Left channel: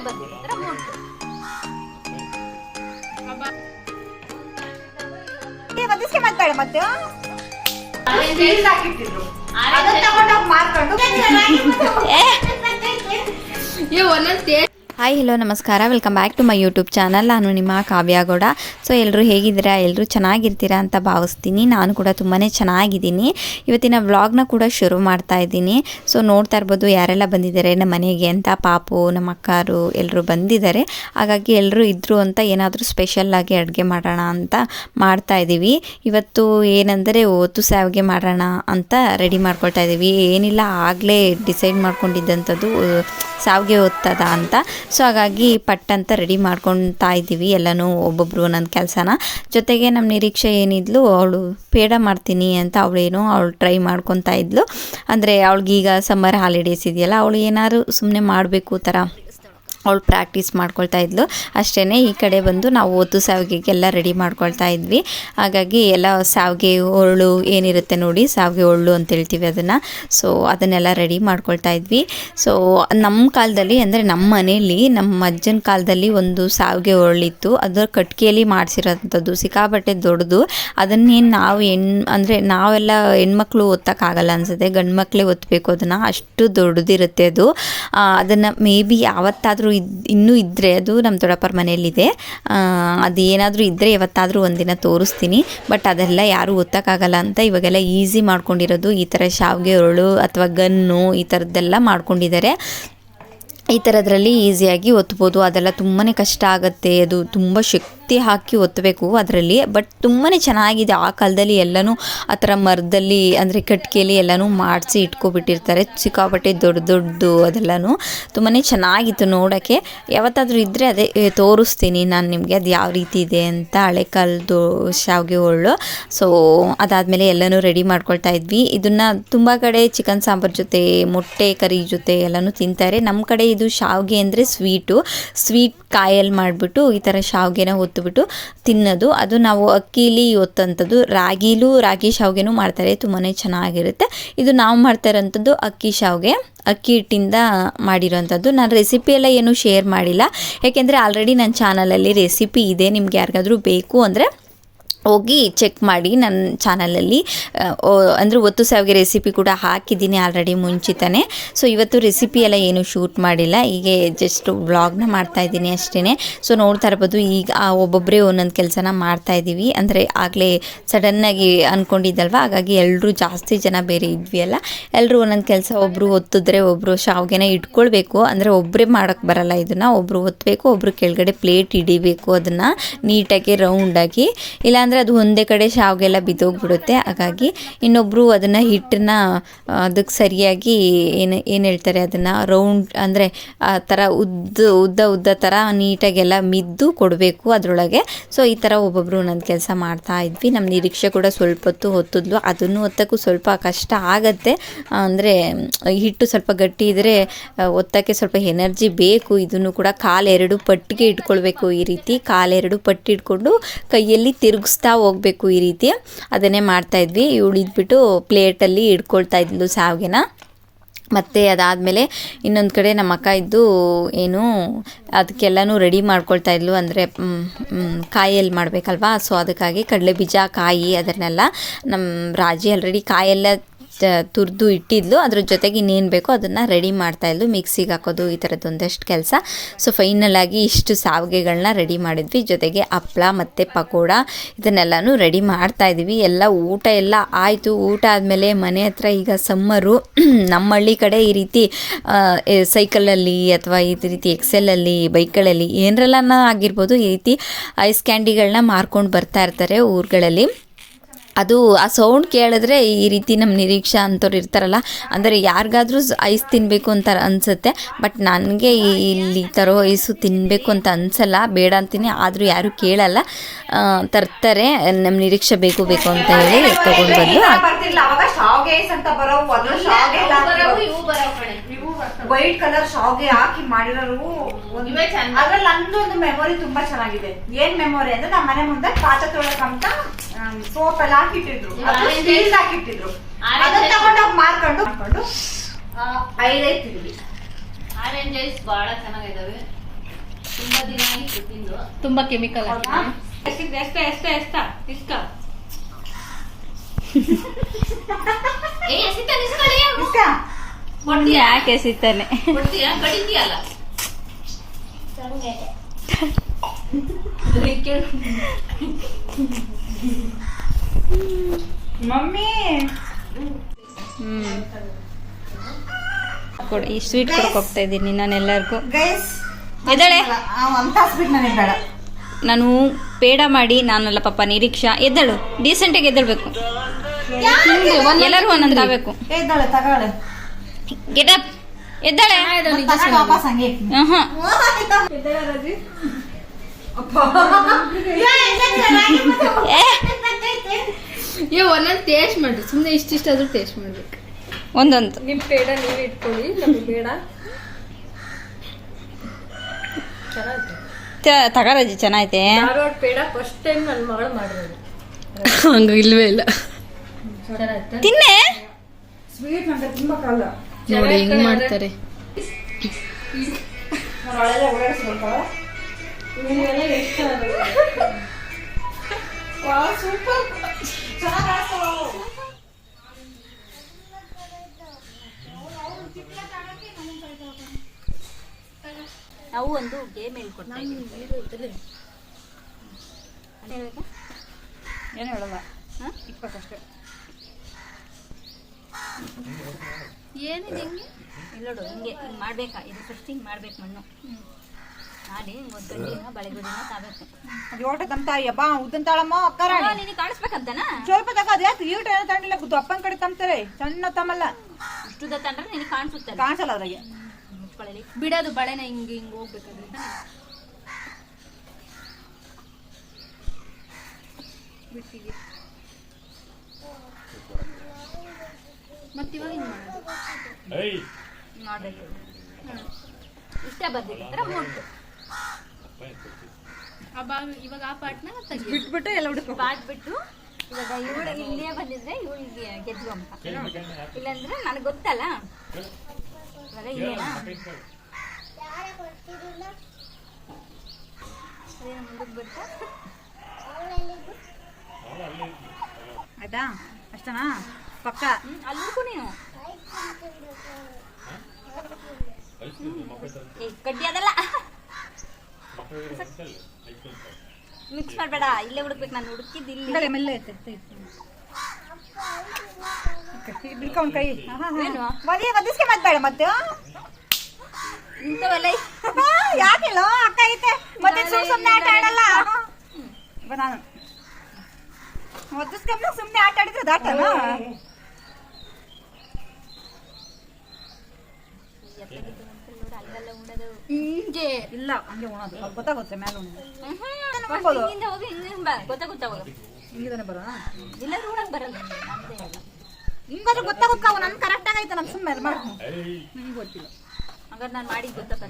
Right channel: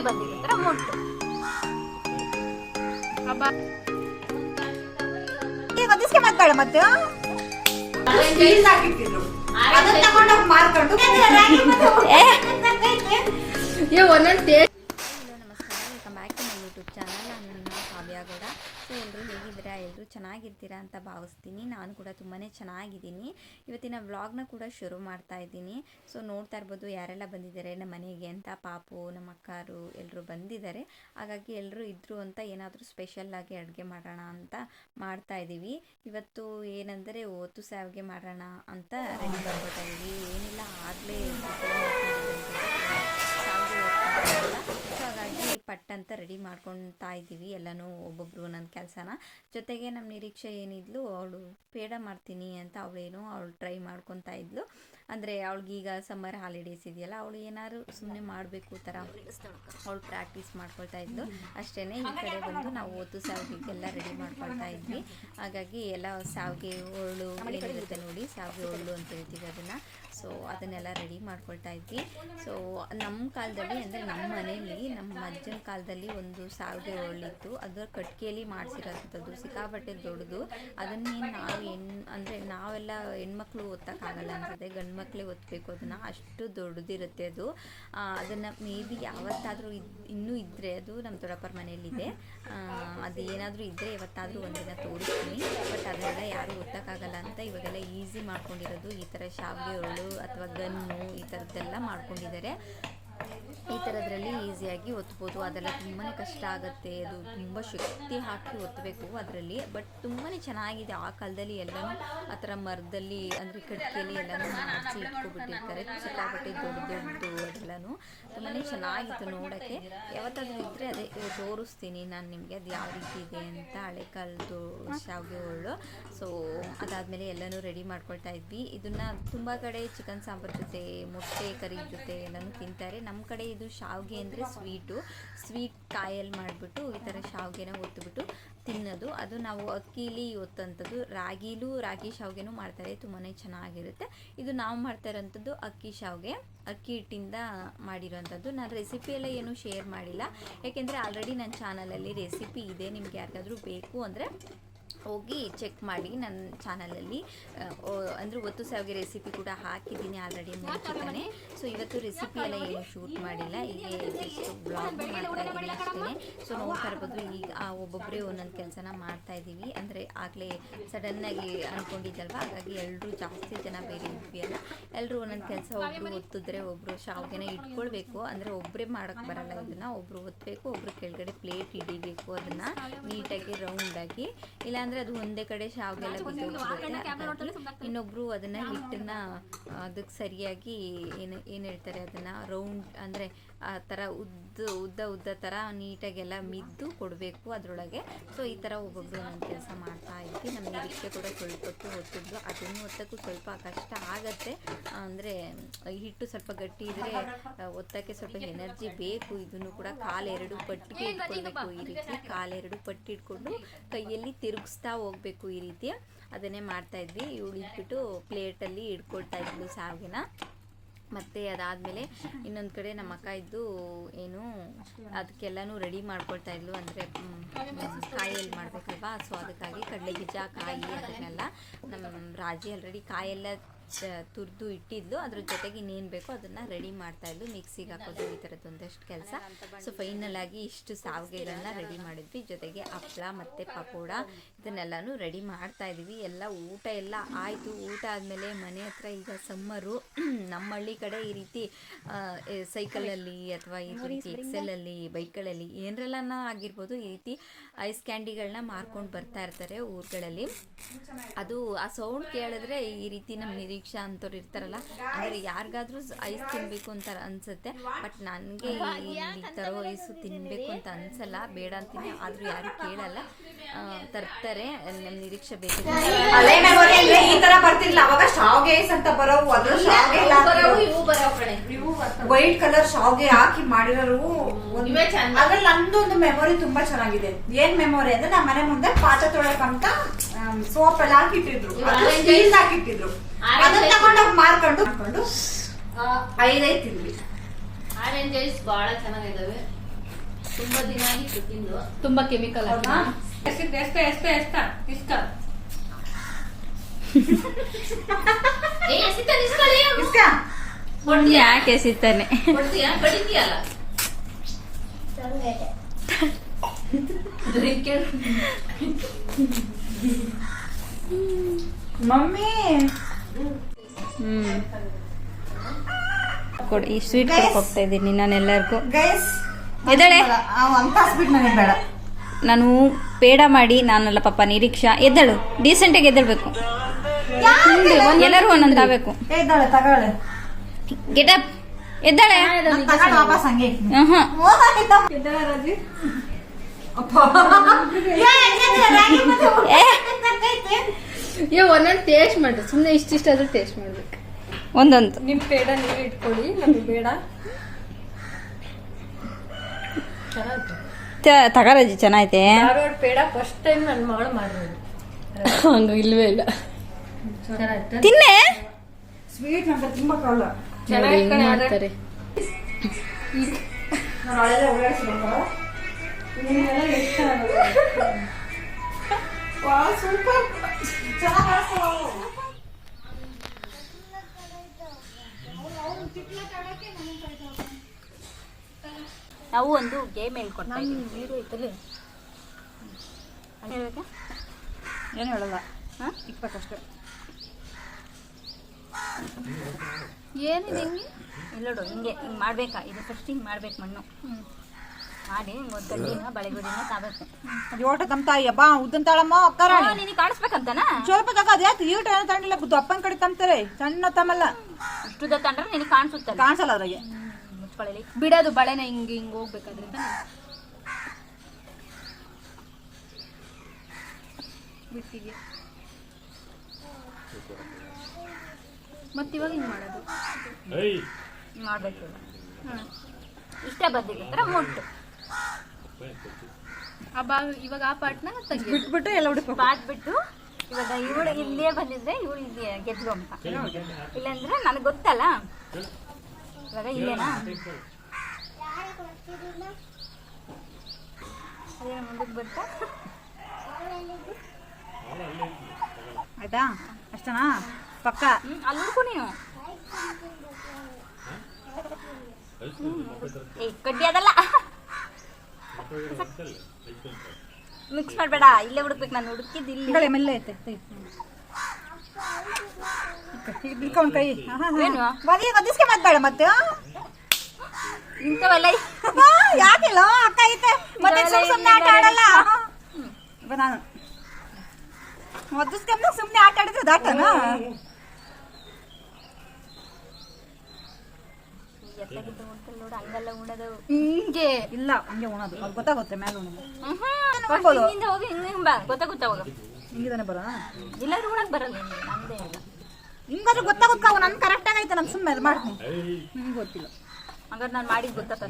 ಮೊನ್ನೆ ಬಂದಿದೆ ಅಂದ್ರೆ ಮುಟ್ಟು ಒಂದಿಸ್ಕೆ ಮಾತಾಡ ಮತ್ತೆ. ಮಾರ್ಕೊಂಡು. ಏ ಒಂದೊಂದು ಹಾಯ್ ಹಲೋ ನಮಸ್ಕಾರ. Welcome back to my YouTube channel ನಾನು ನಿಮ್ಮ ಕಾವ್ಯ ಗೌಡ. ಸೊ ಎಲ್ಲರೂ ಹೇಗಿದ್ದೀರಾ? ಎಲ್ಲರೂ ಚೆನ್ನಾಗಿರ್ತೀರಾ ಅಂತ ಭಾವಿಸ್ತೀನಿ. ನಾನು ಕೂಡ ತುಂಬಾ ಚೆನ್ನಾಗಿದ್ದೀನಿ. ಇವತ್ತಿನ ವ್ಲಾಗ್ನ ಕೂಡ ಶುರು ಮಾಡ್ತಾ ಇದ್ದೀನಿ. ಸೊ ನೋಡ್ತಾ ಇರ್ಬೋದು ಯಾರೆಲ್ಲ ಬಂದಿದ್ದಾರೆ? ನಮ್ಮ ಮನೆಗೆ ಅಂತ ಪಾಪು, ನಮ್ಮ ಅಕ್ಕಾರು ಎಲ್ಲರೂ ಬಂದಿದ್ದಾರೆ. ಹಾಗಾಗಿ ಎಲ್ಲರೂ ಇದ್ದರು ಅಂತ ಏನಾದರೂ ಸ್ಪೆಷಲ್ಲಾಗಿ ಅಡುಗೆ ಮಾಡೋಣ ಅಂತ ಮಾಡ್ತಾ ಇದ್ದೀವಿ ಇವತ್ತು ಏನಂದರೆ ಓತು ಸಾವಿಗೆ ಮಾಡೋಣ ಅಂತ ರೆಡಿ ಮಾಡ್ಕೊಳ್ತಾ ಇದ್ದೀವಿ ಏನಿಲ್ಲ, ಆಗಲೇ ಡಿಸೈಡ್ ಮಾಡ್ಕೊಂಡಿದ್ದಂಥದ್ದು, ಸಾವಿಗೆ ಓದ್ತದ ಅಂತ. ಸೊ ಹಾಗಾಗಿ ಪಟ್ ಅಂತ ರೆಡಿ ಮಾಡ್ಕೊತಾ ಇದ್ದೀವಿ ಎಲ್ಲನೂ, ಒಬ್ಬೊಬ್ರು ಒಂದೊಂದು ಕೆಲಸನ. ಜೊತೆಗೆ ನಮ್ಮ ನಿರೀಕ್ಷೆ ಏನಿದ್ಲು, ಅವಳು ಪೇಡ ಮಾಡ್ತೀನಿ ಅಂತ ಅವಳೇನೋ ಅವಳು ಟ್ರೈ ಮಾಡ್ಕೊತಾ ಇದ್ಲು. ಅಂದರೆ ಅವಳಿಗೀಗ ಸಮ್ಮರ್ ಹಾಲಿಡೇಸ್ ಇದೆಯಲ್ಲ, ಅವಳು ಏನಾದ್ರು ಸುಮ್ಮನೆ ಮಾಡಬೇಕು ಥರ ಅವಳು ಪ್ರಾಕ್ಟೀಸ್ ಮಾಡ್ಕೊಳ್ತಾ ಇದ್ಲು. ಅಷ್ಟೇ ಈ ಕಡೆ ಬಂದು ನಾವು ಒತ್ತು ಸಾವಿಗೆಗೆಲ್ಲ ರೆಡಿ ಮಾಡ್ಕೊಳ್ತಾ ಇದ್ವಿ. ಹಾಗಾಗಿ ಎಲ್ಲ ಸಾವಿಗೆ ಒಳ್ಳು ಏನಿರುತ್ತೆ ನೋಡಿ ಸಾವಿಗೆ ಒಳ್ಳು ಅಂತ ಹೇಳ್ತೀವಿ ಅದನ್ನು. ಸೊ ಅದನ್ನೆಲ್ಲ ರೆಡಿ ಮಾಡ್ಕೊಳ್ತಾ ಇದ್ವಿ. ಸೊ ನಮ್ಮ ಕಾಲದಲ್ಲಿ ಅಂದರೆ ನಮ್ಮ ಮನೆಯಲ್ಲಿ ನಮ್ಮ ಅಜ್ಜನ ಕಾಲದಲ್ಲಿ ಒಂದು ಸಾವಿಗೆ ಒಳ್ಳಿತ್ತು ಅದರ ಕಟ್ಗೆಯಲ್ಲಿ ಮಾಡಿಸಿರೋಂಥದ್ದು ಸಿಕ್ಕಾಬಟ್ಟೆ ದೊಡ್ಡದು. ಅದನ್ನೇನು ನಾವು ಹೆಣ್, ಅಂದರೆ ನಾವೆಲ್ಲ ಹೆಣ್ಮಕ್ಳು ಒತ್ತಕ್ಕಾಗಲ್ಲ ಅನಿಸುತ್ತೆ. ಗಂಡು ಮಕ್ಕಳೇ ಒತ್ತಬೇಕು ಅದನ್ನು. ಅಷ್ಟು ದೊಡ್ಡದಿರುತ್ತೆ ಅದು. ಅದನ್ನು ಮೇ ಬಿ ಯಾವತ್ತಾದರೂ ಇದ್, ಇನ್ನೂ ಇದ್ದರೆ ಅದು ನಮ್ಮ ದೊಡ್ಡಪ್ಪರ ಮನೆಯಲ್ಲಿದೆ. ಅದು ಏನಾದರೂ ಇದ್ದರೆ ಯಾವತ್ತಾದರೂ ಒಂದಿನ ತೋರಿಸ್ತೀನಿ. ಬಟ್ ಅದೆಲ್ಲ ಯಾರೂ ಒತ್ತಕ್ಕಾಗಲ್ಲ ಅಂತ ಇವಾಗೆಲ್ಲ ಈಸಿ ಮಾಡ್ಕೊಂಡಿರೋದು ಈ ಥರ ಶಾವಿಗೆ ಒರಳು ಅಥವಾ ಗನ್ನು ಈ ಥರದ್ದೆಲ್ಲ ಮಾಡ್ಕೊಂಡಿದ್ದಾರೆ. ಈ ಥರದ್ರಲ್ಲಿ ಈಸಿಯಾಗಿ ಒತ್ಬೋದು. ಅದೆಲ್ಲ ತುಂಬಾ ಕಷ್ಟ ಆಗುತ್ತೆ. ಅದು ತುಂಬ ಶಕ್ತಿ ಹಾಕಿ ಒತ್ತಬೇಕು ಅದರಲ್ಲಿ. ಬಟ್ ತುಂಬಾ ಚೆನ್ನಾಗಿದೆ ಆ ಕಾಲದಲ್ಲಿ ಎಲ್ಲನೂ ಆ ಥರ ಮರದಲ್ಲಿ ಅಂದರೆ ಕಟ್ಗೆಯಲ್ಲಿ ಎಲ್ಲನೂ ಮಾಡಿಸಿ ಇಟ್ಕೊಬಿಟ್ಟಿರ್ತಾರೆ. ಚಿಕ್ಕಾಪಟ್ಟೆ ದೊಡ್ಡ ದೊಡ್ಡದು ಅದೆಲ್ಲನೂ ತುಂಬಾ ಚೆನ್ನಾಗಿತ್ತು ನೋಡೋಕ್ಕೆ. ಯಾವತ್ತಾದರೂ ಇದ್ದರೆ ಅದೇ ತೋರಿಸ್ತೀನಿ ನಾನು ನಿಮಗೆ ಅದು ಯಾವ ರೀತಿ ಇದೆ ಅಂತ ಹಳೆ ಕಾಲದ್ದು ಶಾವಿಗೆ ಒಳ್ಳು ಸೊ ಅದಾದಮೇಲೆ ಎಲ್ಲನೂ ರೆಡಿ ಮಾಡ್ಕೊಳ್ತಾ ಇದ್ವಿ. ಇದನ್ನು ತುಂಬ ಕಡೆ ಚಿಕನ್ ಸಾಂಬಾರು ಜೊತೆ, ಮೊಟ್ಟೆ ಕರಿ ಜೊತೆ ಎಲ್ಲನೂ ತಿಂತಾರೆ. ನಮ್ಮ ಕಡೆ ಇದು ಶಾವಿಗೆ ಅಂದರೆ ಸ್ವೀಟು ಸ್ವೀಟ್ ಕಾಯಲ್ಲಿ ಮಾಡಿಬಿಟ್ಟು ಈ ಥರ ಶಾವಿಗೆನ ಒತ್ತುಬಿಟ್ಟು ತಿನ್ನೋದು. ಅದು ನಾವು ಅಕ್ಕಿಲಿ ಒತ್ತಂಥದ್ದು ರಾಗಿಲೂ ರಾಗಿ ಶಾವಿಗೆನೂ ಮಾಡ್ತಾರೆ ತುಂಬಾ ಚೆನ್ನಾಗಿರುತ್ತೆ. ಇದು ನಾವು ಮಾಡ್ತಾ ಇರೋಂಥದ್ದು ಅಕ್ಕಿ ಶಾವಿಗೆ. ಅಕ್ಕಿ ಹಿಟ್ಟಿಂದ ಮಾಡಿರೋಂಥದ್ದು. ನಾನು ರೆಸಿಪಿ ಎಲ್ಲ ಏನೂ ಶೇರ್ ಮಾಡಿಲ್ಲ. ಯಾಕೆಂದರೆ ಆಲ್ರೆಡಿ ನನ್ನ ಚಾನಲಲ್ಲಿ ರೆಸಿಪಿ ಇದೆ. ನಿಮ್ಗೆ ಯಾರಿಗಾದರೂ ಬೇಕು ಅಂದರೆ ಹೋಗಿ ಚೆಕ್ ಮಾಡಿ ನನ್ನ ಚಾನಲಲ್ಲಿ ಅಂದರೆ ಒತ್ತು ಸಾವಿಗೆ ರೆಸಿಪಿ ಕೂಡ ಹಾಕಿದ್ದೀನಿ ಆಲ್ರೆಡಿ ಮುಂಚಿತಾನೆ. ಸೊ ಇವತ್ತು ರೆಸಿಪಿ ಎಲ್ಲ ಏನು ಶೂಟ್ ಮಾಡಿಲ್ಲ. ಹೀಗೆ ಜಸ್ಟ್ ವ್ಲಾಗ್ನ ಮಾಡ್ತಾ ಇದ್ದೀನಿ ಅಷ್ಟೇ ಸೊ ನೋಡ್ತಾ ಇರ್ಬೋದು, ಈಗ ಒಬ್ಬೊಬ್ಬರೇ ಒಂದೊಂದು ಕೆಲಸನ ಮಾಡ್ತಾ ಇದ್ದೀವಿ. ಅಂದರೆ ಆಗಲೇ ಸಡನ್ನಾಗಿ ಅಂದ್ಕೊಂಡಿದ್ದಲ್ವ ಹಾಗಾಗಿ ಎಲ್ಲರೂ ಜಾಸ್ತಿ ಜನ ಬೇರೆ ಇದ್ವಿ ಅಲ್ಲ ಎಲ್ಲರೂ ಒಂದೊಂದು ಕೆಲಸ ಒಬ್ಬರು ಒತ್ತಿದ್ರೆ ಒಬ್ಬರು ಶಾವ್ಗೆನ ಇಟ್ಕೊಳ್ಬೇಕು. ಅಂದರೆ ಒಬ್ಬರೇ ಮಾಡೋಕ್ಕೆ ಬರಲ್ಲ ಇದನ್ನು. ಒಬ್ಬರು ಒತ್ತಬೇಕು ಒಬ್ಬರು ಕೆಳಗಡೆ ಪ್ಲೇಟ್ ಹಿಡಿಬೇಕು ಅದನ್ನು ನೀಟಾಗಿ ರೌಂಡಾಗಿ ಇಲ್ಲಾಂದರೆ ಅದು ಒಂದೇ ಕಡೆ ಶಾವಿಗೆಲ್ಲ ಬಿದ್ದೋಗ್ಬಿಡುತ್ತೆ. ಹಾಗಾಗಿ ಇನ್ನೊಬ್ಬರು ಅದನ್ನು ಹಿಟ್ಟನ್ನ ಅದಕ್ಕೆ ಸರಿಯಾಗಿ ಏನು ಏನು ಹೇಳ್ತಾರೆ ಅದನ್ನು ರೌಂಡ್ ಅಂದರೆ ಆ ಥರ ಉದ್ದ ಉದ್ದ ಉದ್ದ ಥರ ನೀಟಾಗೆಲ್ಲ ಮಿದ್ದು ಕೊಡಬೇಕು ಅದರೊಳಗೆ. ಸೊ ಈ ಥರ ಒಬ್ಬೊಬ್ಬರು ಒಂದೊಂದು ಕೆಲಸ ಮಾಡ್ತಾ ಇದ್ವಿ. ನಮ್ಮ ನಿರೀಕ್ಷೆ ಕೂಡ ಸ್ವಲ್ಪ ಹೊತ್ತು ಹೊತ್ತಿದ್ಲು. ಅದನ್ನು ಒತ್ತಕ್ಕೂ ಸ್ವಲ್ಪ ಕಷ್ಟ ಆಗತ್ತೆ. ಅಂದರೆ ಹಿಟ್ಟು ಸ್ವಲ್ಪ ಗಟ್ಟಿ ಇದ್ದರೆ ಒತ್ತಕ್ಕೆ ಸ್ವಲ್ಪ ಎನರ್ಜಿ ಬೇಕು. ಇದನ್ನು ಕೂಡ ಕಾಲೆರಡು ಪಟ್ಟಿಗೆ ಇಟ್ಕೊಳ್ಬೇಕು ಈ ರೀತಿ. ಕಾಲೆರಡು ಪಟ್ಟಿ ಇಟ್ಕೊಂಡು ಕೈಯಲ್ಲಿ ತಿರುಗಿಸ್ತಾ ಹೋಗಬೇಕು ಈ ರೀತಿ. ಅದನ್ನೇ ಮಾಡ್ತಾ ಇದ್ವಿ. ಇವಳು ಇದ್ಬಿಟ್ಟು ಪ್ಲೇಟಲ್ಲಿ ಇಟ್ಕೊಳ್ತಾ ಇದ್ಲು ಸಾವಿಗೆನ. ಮತ್ತು ಅದಾದಮೇಲೆ ಇನ್ನೊಂದು ಕಡೆ ನಮ್ಮ ಅಕ್ಕ ಇದ್ದು ಏನು ಅದಕ್ಕೆಲ್ಲನೂ ರೆಡಿ ಮಾಡ್ಕೊಳ್ತಾ ಇದ್ಲು. ಅಂದರೆ ಕಾಯಲ್ಲಿ ಮಾಡಬೇಕಲ್ವಾ? ಸೊ ಅದಕ್ಕಾಗಿ ಕಡಲೆ ಬೀಜ ಕಾಯಿ, ಅದನ್ನೆಲ್ಲ ನಮ್ಮ ರಾಜಿ ಆಲ್ರೆಡಿ ಕಾಯೆಲ್ಲ ತುರಿದು ಇಟ್ಟಿದ್ಲು. ಅದ್ರ ಜೊತೆಗೆ ಇನ್ನೇನು ಬೇಕೋ ಅದನ್ನು ರೆಡಿ ಮಾಡ್ತಾ ಇದ್ಲು. ಮಿಕ್ಸಿಗೆ ಹಾಕೋದು ಈ ಥರದ್ದು ಒಂದಷ್ಟು ಕೆಲಸ. ಸೊ ಫೈನಲ್ ಆಗಿ ಇಷ್ಟು ಸಾವಿಗೆಗಳನ್ನ ರೆಡಿ ಮಾಡಿದ್ವಿ. ಜೊತೆಗೆ ಹಪ್ಪಳ ಮತ್ತು ಪಕೋಡ ಇದನ್ನೆಲ್ಲನೂ ರೆಡಿ ಮಾಡ್ತಾ ಇದ್ವಿ ಎಲ್ಲ ಊಟ ಎಲ್ಲ ಆಯಿತು. ಊಟ ಆದಮೇಲೆ ಮನೆ ಹತ್ರ ಈಗ ಸಮ್ಮರು ನಮ್ಮ ಹಳ್ಳಿ ಕಡೆ ಈ ರೀತಿ ಸೈಕಲಲ್ಲಿ ಅಥವಾ ಈ ರೀತಿ ಎಕ್ಸೆಲಲ್ಲಿ ಬೈಕ್ಗಳಲ್ಲಿ ಏನರಲ್ಲ ಆಗಿರ್ಬೋದು ಈ ರೀತಿ ಐಸ್ ಕ್ಯಾಂಡಿಗಳನ್ನ ಮಾರ್ಕೊಂಡು ಬರ್ತಾ ಇರ್ತಾರೆ ಊರುಗಳಲ್ಲಿ. ಅದು ಆ ಸೌಂಡ್ ಕೇಳಿದ್ರೆ ಈ ರೀತಿ ನಮ್ಮ ನಿರೀಕ್ಷಾ ಅಂಥವ್ರು ಇರ್ತಾರಲ್ಲ ಅಂದರೆ ಯಾರಿಗಾದ್ರೂ ಐಸ್ ತಿನ್ನಬೇಕು ಅಂತ ಅನಿಸುತ್ತೆ ಬಟ್ ನನಗೆ ಇಲ್ಲಿ ತರೋ ಐಸು ತಿನ್ನಬೇಕು ಅಂತ ಅನಿಸಲ್ಲ ಬೇಡ ಅಂತೀನಿ ಆದರೂ ಯಾರೂ ಕೇಳಲ್ಲ. ತರ್ತಾರೆ ನಮ್ಮ ನಿರೀಕ್ಷೆ ಬೇಕು ಬೇಕು ಅಂತ ಹೇಳಿ ವೈಟ್ ಕಲರ್ ಶಾವ್ಗೆ ಹಾಕಿ ಮಾಡಿರೋರು. ಅದ್ರಲ್ಲಿ ಅಂದೊಂದು ಮೆಮೊರಿ ತುಂಬಾ ಚೆನ್ನಾಗಿದೆ. ಏನ್ ಮೆಮೊರಿ ಅಂದ್ರೆ ನಮ್ಮ ಮನೆ ಮುಂದೆ ಪಾಚ ತೊಳಕಂತ ಸೋಪ್ ಎಲ್ಲ ಹಾಕಿಟ್ಟಿದ್ರು. ಸ್ಟೀಲ್ ಹಾಕಿಟ್ಟಿದ್ರು. ಅದನ್ನ ತಗೊಂಡು ತಗೊಂಡೋಗಿ ಮಾರ್ಕೊಂಡು ಮಾಡ್ಕೊಂಡು ಐದೈದು ತಿಂದ್ವಿ. ಆರೆಂಜ್ ಐಸ್ ಬಹಳ ಚೆನ್ನಾಗಿದಾವೆ. ತುಂಬಾ ದಿನ ಆಗಿತ್ತು ತಿಂದು. ತುಂಬಾ ಕೆಮಿಕಲ್? ಎಷ್ಟು ಎಷ್ಟ ಎಷ್ಟ? ಇಸ್ಕ? ಯಾಕೆ ಕಡಿತೀಯಲ್ಲ? ಮಮ್ಮಿ. ಹ್ಮ್. ಕೊಡಿ ಈ ಸ್ವೀಟ್ ಕೊಡಕ್ಕೆ ಹೋಗ್ತಾ ಇದ್ದೀನಿ ನಾನು ಎಲ್ಲರಿಗೂ. ಬೇಡ. ನಾನು ಪೇಡ ಮಾಡಿ ನಾನಲ್ಲ ಪಾಪ ನಿರೀಕ್ಷಾ. ಎದ್ದಳು ಡೀಸೆಂಟಾಗಿ ಎದ್ದಳ್ಬೇಕು. ಎಲ್ಲರೂ ಒಂದೊಂದು ಆಗಬೇಕು. ಗೆಟಪ್ ಎದ್ದಾಳೆ. ಹಾಂ ಏ, ಒಂದೊಂದು ಟೇಸ್ಟ್ ಮಾಡ್ರಿ. ಸುಮ್ಮನೆ ಇಷ್ಟಿಷ್ಟಾದ್ರೂ ಟೇಸ್ಟ್ ಮಾಡ್ಬೇಕು. ಒಂದೊಂದು. ನಿಮ್ ಪೇಡ ನೀವು ಇಟ್ಕೊಳ್ಳಿ ನಮಗೆ ಬೇಡ. ತಗರಜಿ ಚೆನ್ನಾಗೈತೆ. ಧಾರವಾಡ ಪೇಡ ಫಸ್ಟ್ ಟೈಮ್ ನನ್ನ ಮಗಳು ಮಾಡಿರೋದು. ಹಂಗ ಇಲ್ವೇ ಇಲ್ಲ. ತಿನ್ನೆ? ಸ್ವೀಟ್ ಅಂತ ತುಂಬಾ ಕಾಲ. ಮಾಡ್ತಾರೆ. ಸೂಪರ್. ನಾವು. ಒಂದು ಗೇಮ್ ಹೇಳ್ಕೊಡ್ತಾ ಇದ್ದೀವಿ ಏನು ಹೇಳಲ್ಲ. ಹಾಂ? ಇಪ್ಪತ್ತಷ್ಟು. ಏನಿದೆ ಹಿಂಗೆ? ಇಲ್ಲೋಡು ಹಿಂಗೆ ಹಿಂಗೆ ಮಾಡ್ಬೇಕಾ? ಇದು ಫಸ್ಟ್ ಹಿಂಗೆ ಮಾಡ್ಬೇಕು ಮಣ್ಣು. ಮಾಡಿ ಒಂದು ತಾಬೇಕು. ಬಾ ತಾಳಮ್ಮ ನೀನು ಕಾಣಿಸ್ಬೇಕಂತನಾ? ಸ್ವಲ್ಪ ಈಟ ಏನೋ ಅಪ್ಪನ ಕಡೆ ತಂತಾರೆ ಸಣ್ಣ ತಮ್ಮಲ್ಲ. ಇಷ್ಟುದ ನಿನಗೆ ಕಾಣಿಸುತ್ತೆ. ಕಾಣಿಸಲ್ಲ ಅದ್ರಾಗೆ ಬಿಡೋದು ಬಳೆನ ಹಿಂಗೆ ಹಿಂಗೆ ಹೋಗ್ಬೇಕಾದ್ರೆ ಬಿಟ್ಟಿಗೆ. ಮತ್ತೆ ಇವಾಗ ಹಿಂಗೆ ಮಾಡೋದು? ಮಾಡ್ಬೇಕು. ಇಷ್ಟ ಬಂದಿದೆ ಮುಟ್ಟು ಆ ಭಾಗ ಇವಾಗ ಆ ಪಾರ್ಟ್ನ ತೆಗಿ ಬಿಟ್ಬಿಟ್ಟು ಎಲ್ಲ ಹುಡುಕ ಬಾದ್ಬಿಟ್ಟು ಇವಾಗ ಇವಳು ಇಲ್ಲಿಯೇ ಬಂದಿದ್ರೆ ಇವಳಿಗೆ ಗೆದ್ಲು ಅಂತ. ಇಲ್ಲಾಂದ್ರೆ ನನಗೆ ಗೊತ್ತಲ್ಲ? ಇವಾಗ ಇಲ್ಲೇನಾ? ಅದೇನು ಮುಂದಕ್ಕೆ ಬಿಡ್ತಾ ಆಯ್ತಾ? ಅಷ್ಟನಾ? ಪಕ್ಕ. ಅಲ್ಲಿ ಹುಡುಕು ನೀನು. ಕಡ್ಡಿ ಅದಲ್ಲ. ಮಿಕ್ಸ್ ಮಾಡಬೇಡ ಇಲ್ಲೇ ಹುಡುಕ್ಬೇಕು ನಾನು ಹುಡುಕಿದ್ದು ಇಲ್ಲಿ. ಮೆಲ್ಲ ಐತೆ ಬಿಡ್ಕೊಂಡ್ ಕೈ. ಮತ್ತೆ ಇಂಥವೆಲ್ಲ ಯಾಕಿಲ್ಲ ಅಕ್ಕ ಐತೆ. ಮತ್ತೆ ಸುಮ್ ಸುಮ್ನೆ ಆಟ ಆಡಲ್ಲ? ನಾನು. ಸುಮ್ಮನೆ ಆಟ ಆಡಿದ್ರೆ ದಾಟನ? ಎತ್ತಗಿದ್ದು ನೋಡು ಹಂಗೆಲ್ಲ ಹಿಂಗೆ. ಇಲ್ಲ ಹಂಗೆ ಉಣೋದು. ಅವ್ರು ಗೊತ್ತಾಗುತ್ತೆ ಮೇಲೆ ಉಣಿದ್ರೆ. ಮಾಡ್ಬೋದು. ಹೋಗಿ ಹಿಂಗೆ ಬಾ. ಗೊತ್ತಾಗುತ್ತ ಅವಾಗ? ಹಿಂಗಿದಾನೆ ಬರೋ ಇಲ್ಲಾಂದ್ರೆ ಉಣಕ್ ಬರಲ್ಲ ನಿನ್ಗೆ, ನಮ್ದೇ ಇಲ್ಲ. ಹಿಂಗಾದ್ರೆ ಗೊತ್ತಾಗುತ್ತೆ ಅವು? ನನ್ ಕರೆಕ್ಟ್ ಆಗೈತೆ ನಾನು ಸುಮ್ಮನೆ ಮಾಡ್ತೀನಿ. ನಿಮ್ಗೆ ಗೊತ್ತಿಲ್ಲ. ಹಾಗಾದ್ರೆ ನಾನು ಮಾಡಿದ್ ಗೊತ್ತಾತ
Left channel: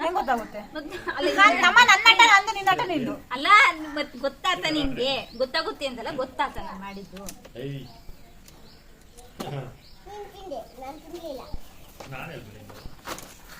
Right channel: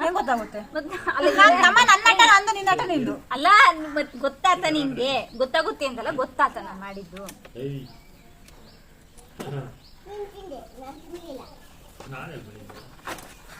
ಹೆಂಗ್ ಗೊತ್ತಾಗುತ್ತೆ ಗೊತ್ತ- ಅಲ್ಲ ನಾನ್ ನಮ್ಮ ನನ್ನ ಆಟ ನಂದು ನಿನ್ನ ಆಟ ನಿಂದು. ಅಲ್ಲ ಮತ್ ಗೊತ್ತಾತ ನಿಂಗೆ? ಗೊತ್ತಾಗುತ್ತೆ ಅಂತಲ್ಲ ಗೊತ್ತಾತ ನಾನು ಮಾಡಿದ್ದು. ನಾನು ತಿಂದೆ ನಾನು ಆಯ್ತು.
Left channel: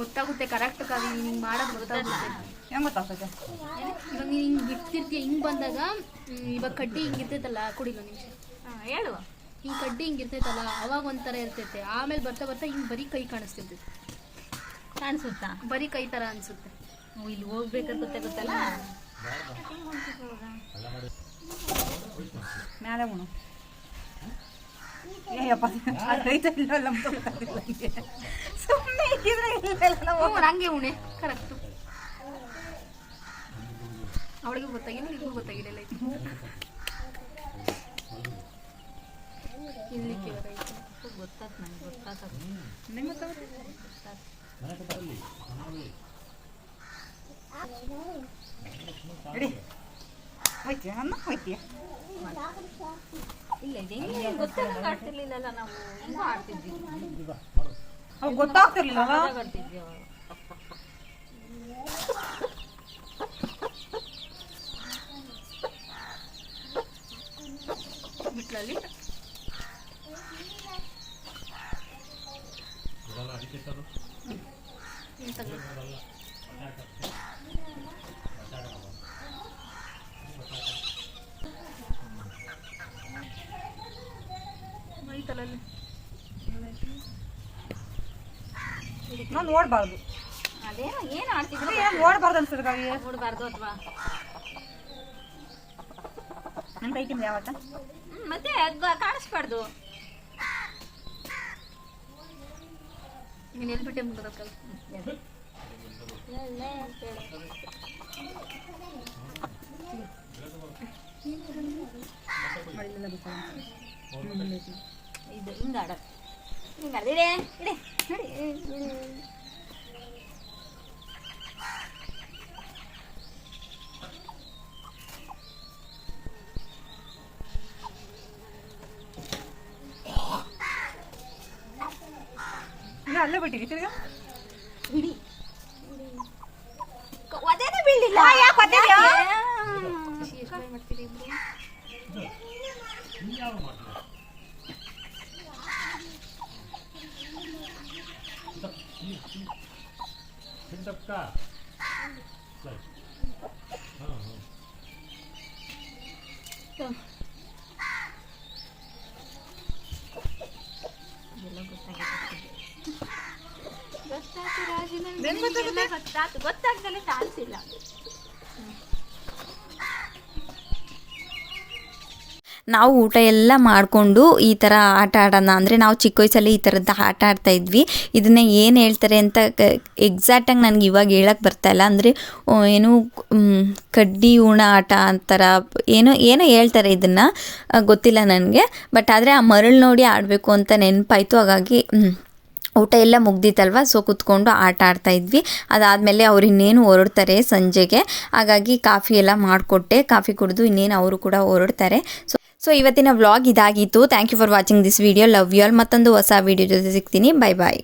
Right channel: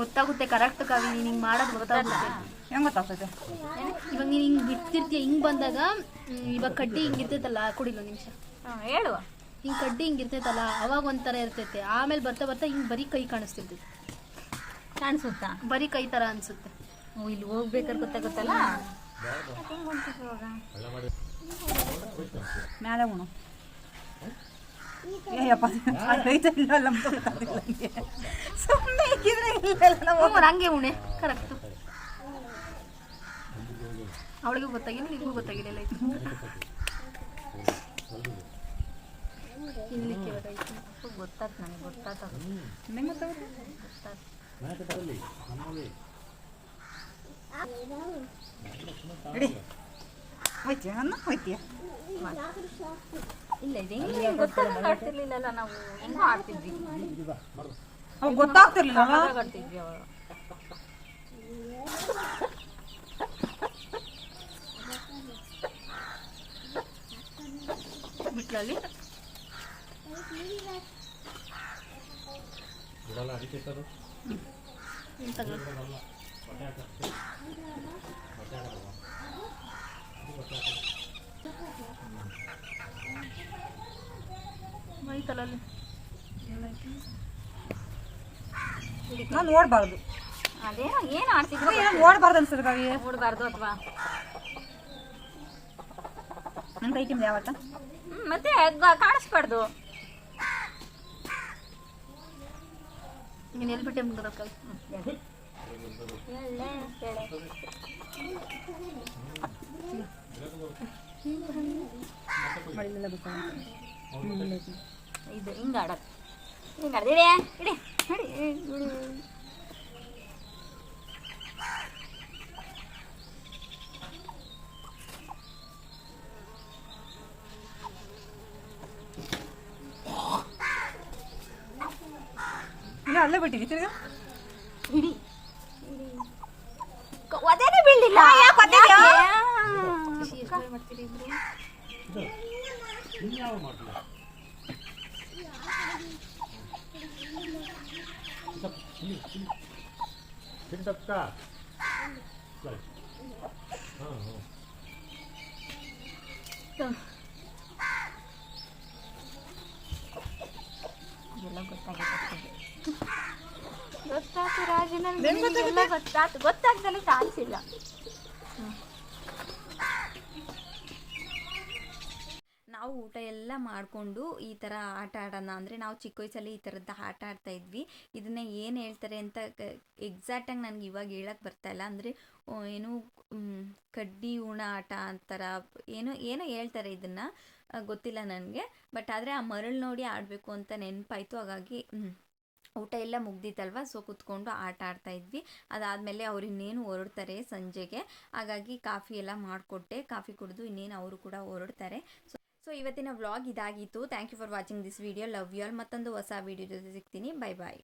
ಗೊತ್ತಾಗುತ್ತೆ ಕರೆಕ್ಟ್ ಕವಿ ನೀನ್ ಹಿಂಗ್ ಮಾಡೋದು ಗೊತ್ತಾಗುತ್ತೆ. ಹೆಂಗ್ ಗೊತ್ತಾಗ್ತೈತೆ? ಇವಾಗ ನೀನ್ ಹಿಂಗ್ ಬಿಡ್ತಿರ್ತೀಯ ಹಿಂಗ್ ಬಂದಾಗ ಇವಾಗ ಕಡ್ಡಿ ಹಿಂಗ್ ಇರ್ತೈತಲ್ಲ ಕುಡಿಲ್ಲ ನಿಮಿಷ. ಹೇಳುವ. ಹೇಳು ಹಿಂಗ್ ಕಡ್ಡಿ ಹಿಂಗ್ ಇರ್ತೈತಲ್ಲ ಅವಾಗ ಒಂಥರ ಇರ್ತೈತೆ. ಆಮೇಲೆ ಬರ್ತಾ ಬರ್ತಾ ಹಿಂಗ್ ಬರೀ ಕೈ ಕಾಣಿಸ್ತಿರ್ತೈತೆ. ಕಾಣಿಸುತ್ತಾ? ಬರೀ ಕೈ ತರ ಅನ್ಸುತ್ತೆ. ಓ, ಇಲ್ಲಿ ಹೋಗ್ಬೇಕಾದ್ರೆ ಗೊತ್ತಾಗುತ್ತಲ್ಲ? ಮ್ಯಾಲೆ ಉಣು. ಏಯಪ್ಪ ಅದೈತೆ ಇಲ್ಲ ನಮ್ಗೆ. ಸುಮ್ನೆ ಇಕ್ಕಿದ್ರೆ ಇಲ್ಲ ನಾವು ಹಂಗೆ ಉಣೆ ಕರೆಕ್ಟ್ ಅವಳಿಗೂ ಗೊತ್ತಾಗಿಲ್ಲ ನಿಮಗೂ ಗೊತ್ತಾಗಿಲ್ಲ ಇಲ್ಲಿ ಗೊತ್ತಾತ್ ನನಗೆ ಗೊತ್ತಾತ ಹೆಂಗ್ ಗೊತ್ತಾತ. ಹೋಯ್ತೀಯ? ನನ್ನ ಹೋಯ್ತೀಯ? ಇಲ್ಲ ಇದೆ ಗೊತ್ತಾಗಂಗೆ ಆಡ್ತಿರ್ಲಿಲ್ಲಲ್ಲ ನಾವು. ಹೆಂಗೋ ಆಡ್ತಿದ್ವಿ. ಅವಾಗ ಗೊತ್ತಾಗ್ತಿರ್ಲಿಲ್ಲ ಅವಾಗ ಆಡ್ತಿದ್ವಿ ಅವಾಗ. ಬಿಟ್ಲಲ್ಲಿ? ಐತಲಲ್ಲಿ ನಾನು ನೋಡ್ಬಾರ್ದು. ಅದೇನೋ ಏನು ಆಡ್ತಿದ್ರು ಏನೋ ನೋಡ್ಬಾರ್ದು ಅನ್ಸುತ್ತೆ ಕವಿ ನೋಡಬಾರ್ದು ಅಥವಾ? ನನ್ನ ಕೈ ತಿಂದ ಯಾವತ್ತ ಮತ್ತೆ ಕಾಣಿಸ್ಬಾರ್ದು. ನೀನು ಎಲ್ಲಿ ಬಿಟ್ಟೆ ಮುಂದಕ್ಕೆ ಇದು ಹಿಂಗೆ ಆಡೋದು ಹಿಂಗೆ ಆಡೋದು ಇಡೆ ಇಡೆ ನೋಡಿ ಇಲ್ಲ ಅಲ್ಲೇ ಬಿಟ್ಟಿವಿ ತಿರ್ಗಾ ಹಿಡಿ ಕ- ಒದೇನೆ ಬೀಳಿಲ್ಲ ಯಾಕ್ ಒದ್ದಿದ್ಯಾ? ಮಾಡ್ತೀರಿ ಇಬ್ರು ಎಲ್ಲ ಗೊತ್ತಾಗಿದೆ ಗೊತ್ತಾಯ್ತು ಎಲ್ಲ ಗೊತ್ತಾಯ್ತು. ಗೊತ್ತಾಗ್ದಲ್ಲಿ ಚಾನ್ಸ್ ನಾವು ಊಟ ಎಲ್ಲ ಮಾಡಿಕೊಂಡು ಈ ಥರ ಆಟ ಆಡೋಣ. ಅಂದರೆ ನಾವು ಚಿಕ್ಕ ವಯಸ್ಸಲ್ಲಿ ಈ ಥರದ್ದು ಆಟ ಆಡ್ತಾ ಇದ್ವಿ. ಇದನ್ನ ಏನು ಹೇಳ್ತಾರೆ ಅಂತ ಎಕ್ಸಾಕ್ಟಾಗಿ ನನಗೆ ಇವಾಗ ಹೇಳಕ್ಕೆ ಇಲ್ಲ. ಅಂದರೆ ಏನು ಕಡ್ಡಿ ಉಣ ಆಟ ಅಂತಾರ, ಏನೋ ಏನೋ ಹೇಳ್ತಾರೆ ಇದನ್ನು. ಗೊತ್ತಿಲ್ಲ ನನಗೆ. ಬಟ್ ಆದರೆ ಆ ಮರಳು ನೋಡಿ ಆಡಬೇಕು ಅಂತ ನೆನಪಾಯಿತು. ಹಾಗಾಗಿ ಊಟ ಎಲ್ಲ ಮುಗ್ದಿತ್ತಲ್ವ? ಸೊ ಕುತ್ಕೊಂಡು ಆಟ ಆಡ್ತಾ ಇದ್ವಿ. ಅದಾದಮೇಲೆ ಅವ್ರು ಇನ್ನೇನು ಹೊರಡ್ತಾರೆ ಸಂಜೆಗೆ. ಹಾಗಾಗಿ ಕಾಫಿ ಎಲ್ಲ ಮಾಡಿಕೊಟ್ಟೆ. ಕಾಫಿ ಕುಡಿದು ಇನ್ನೇನು ಅವರು ಕೂಡ ಹೊರಡ್ತಾರೆ. ಸೊ ಸೊ ಇವತ್ತಿನ ವ್ಲಾಗ್ ಇದಾಗಿತ್ತು. Thank you for watching this video love you all ಮತ್ತೊಂದು ಹೊಸ ವಿಡಿಯೋ ಜೊತೆ ಸಿಗ್ತೀನಿ. Bye bye